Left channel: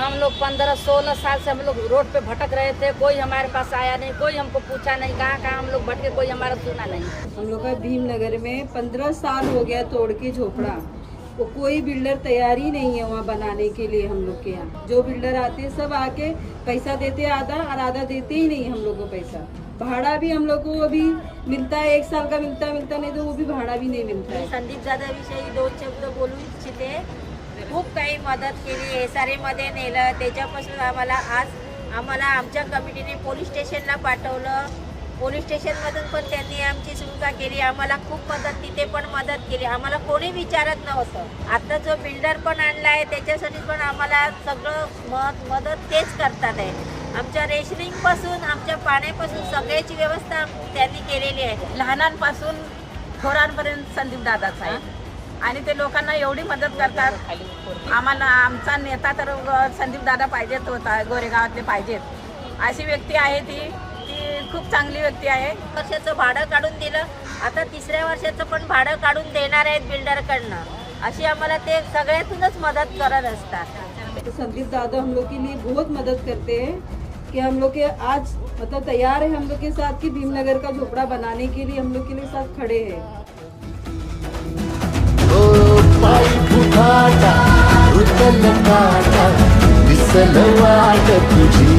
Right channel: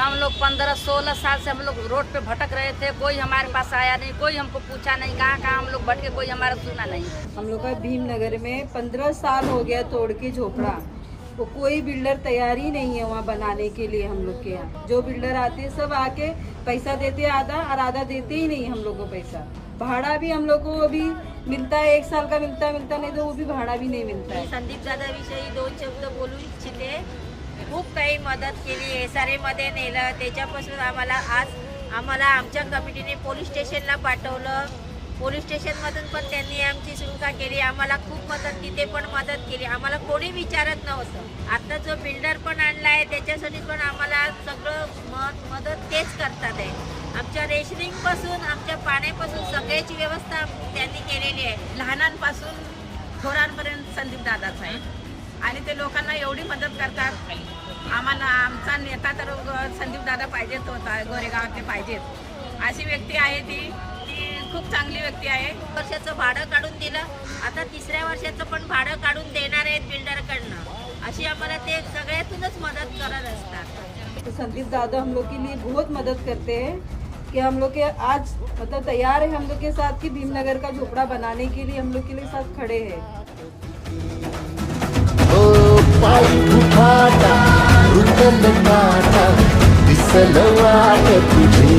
हम लोग 15-16 साल से हम लोग रोड पे भटक रहे थे, कोई हमारे पास आया नहीं, कोई हमको पूछा नहीं, कहाँ कहाँ हम लोग भटके, कोई हमारा सुना नहीं। हम लोग का भीमनगर में 15 साल हो गया तोड़ के झोपड़ा, तो कोई बिल्डर तैयार ही नहीं है वहाँ बनाने के लिए। हम लोग के यहाँ जो बिल्डर आते हैं सब आके पैसा देते आधा और आधा देते ही नहीं हम लोग को पैसा। भाड़ा भी हम लोग को अभी मिलता है, 1 साल का मिलता नहीं तो वो भी भाड़ा भी नहीं मिलता है। संदीप दादा विषयी 2 शब्द बोलू इच्छिते। खूप काही मदत केली, एसआरएमध्ये नेलं, त्याच्यापासून आम्हाला आमच्या कमिटीने पोलीस स्टेशनला पाठवलं। पोलीस स्टेशनमधून पण त्यांनी आमची सुटका केली, आम्हाला खूप मदत, तिथे पण मदत केली, आम्हाला कोणी विचारत नव्हतं। आता जो बिल्डर पण आणला आहे त्याच्यासाठी पण आम्हाला सगळं मदत तेच करतात आहे। आमच्या रेशनिंगपासून आमच्या पाण्यापासून सगळ्याची व्यवस्था त्यांनी केलेली आहे। लहानांपासून थोरांपर्यंत संदीप दादाच आहे आणि ते लोकांना एवढी मदत करतात। आम्हाला आमचा नेता तर संदीप दादा पाहिजेत होता, गोरेगावातले पाहिजेत। अशी व्यक्ती आहे ती खूप चांगली व्यक्ती आहे। वर्षाचं भाडं काढून दिलं, आता 3ऱ्या वर्षाचं पण भाडं काढून देणार आहेत बिल्डरकडनं। अशी आम्हाला ते सगळ्यातूनच मदत करत असतात। तो संदीप दादा हम लोग के लिए बहुत मदद करते हैं कि हम लोग के आज मतलब तैयार है हम लोग के साथ कि भीमनगर का झोपड़ा बनाने के लिए हम लोग के लिए साथ खड़े हैं। पायी फुफाटा रुतल काटा दिसल वाट तुझी